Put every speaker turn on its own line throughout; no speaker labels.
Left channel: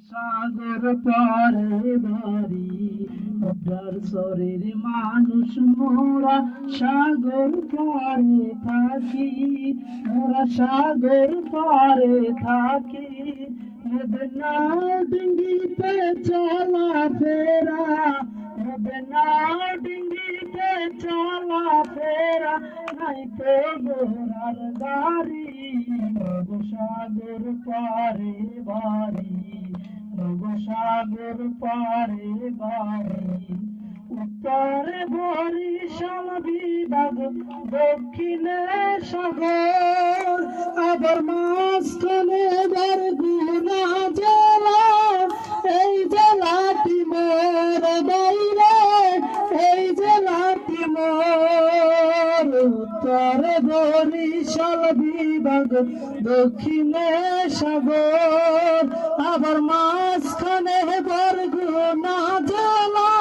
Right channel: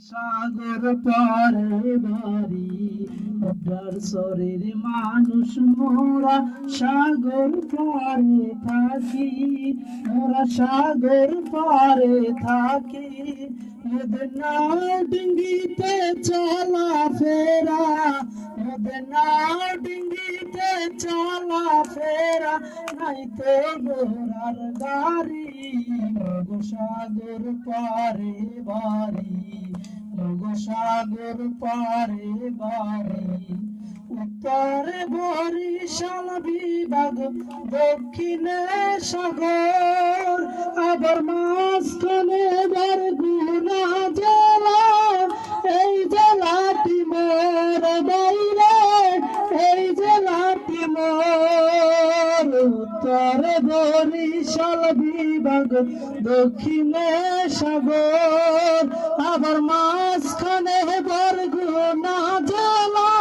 সাগর পারে বাড়ি আপনার শরীর মানুষ মোরা সাগর পারে থাকি, মোরা সাগর পারে থাকি। মদনা ডিঙ্গিতে চলা ফেরা চলা ফেরা নাইতে গোরার গাড়ি সাগর পারে বাড়ি সাগর পারে বাড়ি। উত্তরে বরিশাল বিভাগ, দক্ষিণে সাগর, আবার মাঝখানে বরগুনা জেলা। এই জেলাটি মোর বিভাগ, দক্ষিণে সাগর, আবার মাঝখানে বরগুনা জেলা।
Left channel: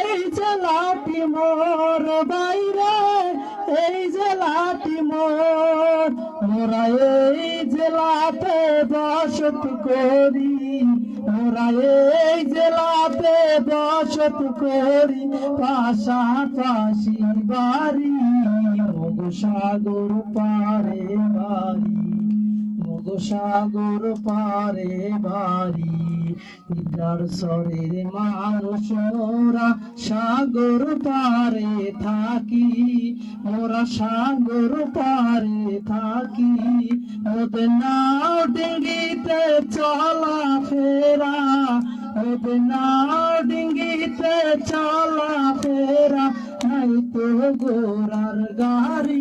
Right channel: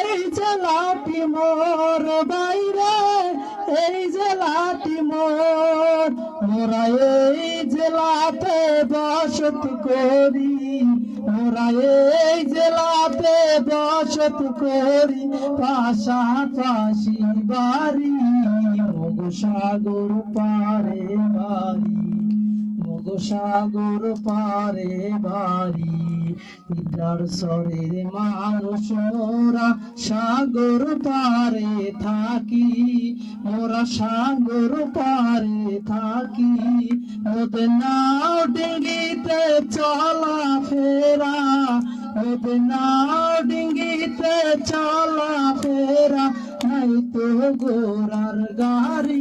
এই জেলাটি মোর বাইরে, এই জেলাটি মোর। মোরা এই জেলাতে বসত করি মোরা এই জেলাতে বসত করি, পাশাপাশি বাড়ি। সাগর পারে বাড়ি সাগর পারে বাড়ি। পিতার শরীর মানুষ, ওরা সাগর পারে থাকি, ওরা সাগর পারে থাকি। ওদের নাও ডিঙ্গিতে চলা ফেরা, ওদের নাও ডিঙ্গিতে চলা ফেরা। তাই তো গোরার গাড়ি মগ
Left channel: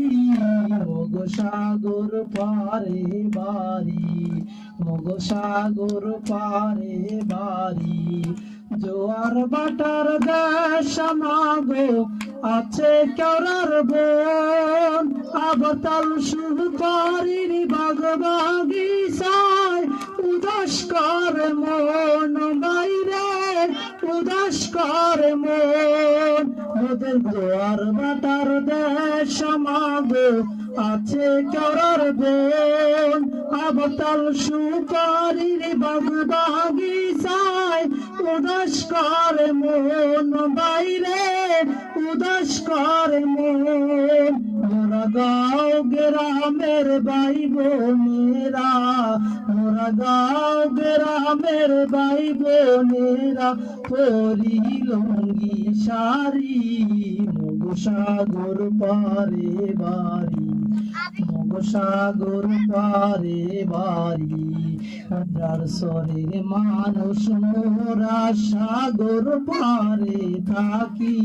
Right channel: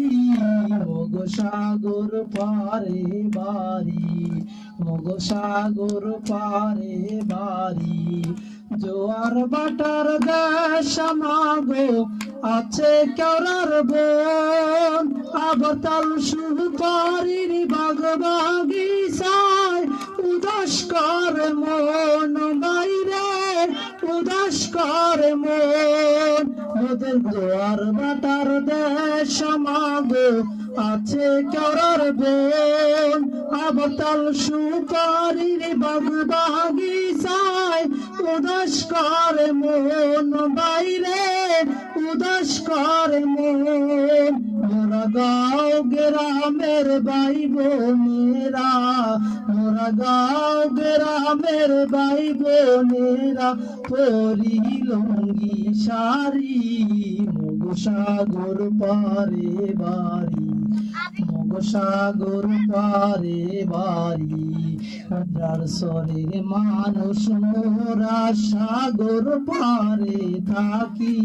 সাগর পারে বাড়ি মগ সাগর পারে বাড়ি। জোয়ার বাটার দেশ মাগো আছে কেরার বোন। আবতাল সুপারির বাগ বাগিসায় উদাস করে মন বাইরে, উদাস করে মন ওদের জোয়ার বাটার দেশ মাগো আছে করার বোন আবতাল সুপারির বাগ বাগিসায় উদাস করে মন বাইরে গাঁও গ্রামের ভাই বোনেরা মোরা গাও গ্রামের ভাই বোনেরা পরি লঙ্গি মগ সাগর পারে বাড়ি সাগর পারে বাড়ি। তার শরীর মানুষ মোরা সাগর পারে থাকি,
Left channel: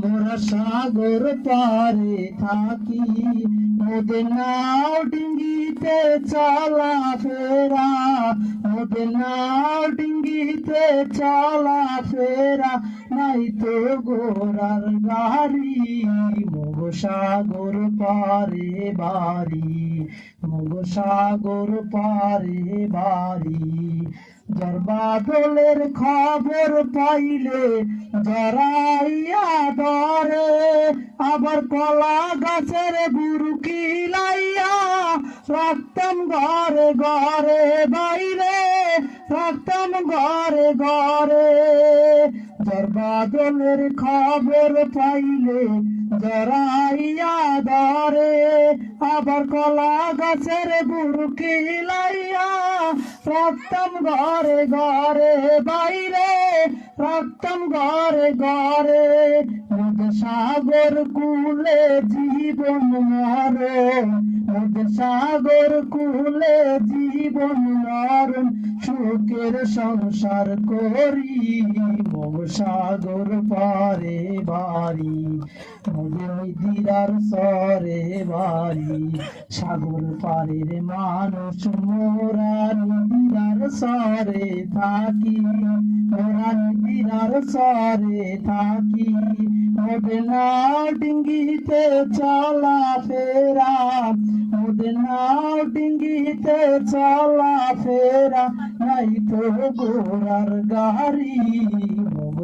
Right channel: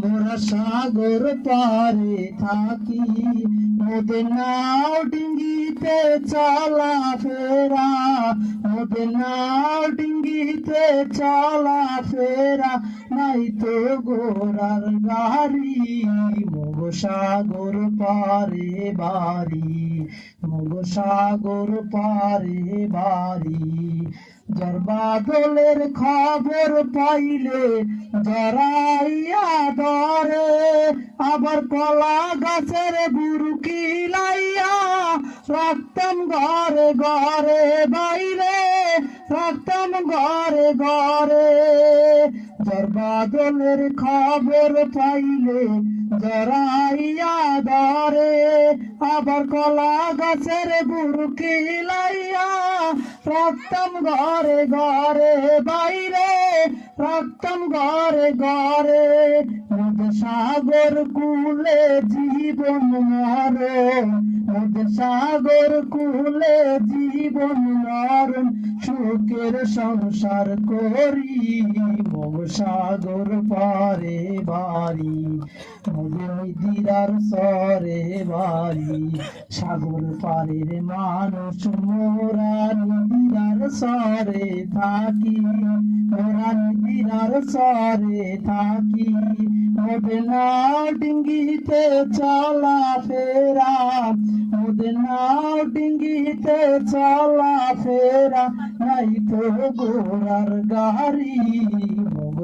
মোরা সাগর পারে থাকি। নাও ডিঙ্গিতে চলা ফেরা ওদের নাও ডিঙ্গিতে চলা ফেরা। নাই তো গোরার গাড়ি, মগ সাগর পারে বাড়ি। সাগর পারে বাড়ি। জরবাদলের খবর পাইলে জরাইয়া ধরে। আবার কলা গাছের বুরুকি লাইয়া রাখতাম ঘরে ঘরে বাইরে। রাখতাম ঘরে ঘরে জরবাদলের খবর পাইলে জরাইয়া আবার কলা গাছের বুরুকি লাইয়া রাখতাম ঘরে ঘরে বাইরে রাখতাম ঘরে ঘরে সাগর কুলে জীবন মরে সাগর কুলে জীবন মরণ সুখের সংসার করি। মগ সাগর পারে বাড়ি দিদার সরে বাড়ি সাগর পারের মানুষ মোরা দিদার সরে থাকি মোরা দিদার সরে থাকি। ওদের নাও ডিঙ্গিতে চলা ফেরা ওদের নাও ডিঙ্গিতে চলা ফেরা নাই তো গোড়ার গাড়ি।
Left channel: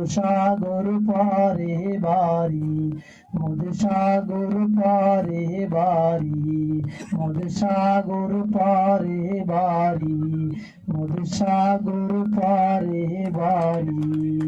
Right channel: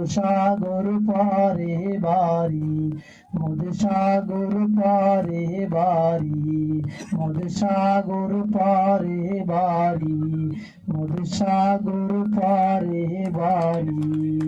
সাগর পারে বাড়ি মদ সাগর পারে বাড়ি মদ সাগর পারে বাড়ি মধুসাগর পারে বাড়ি।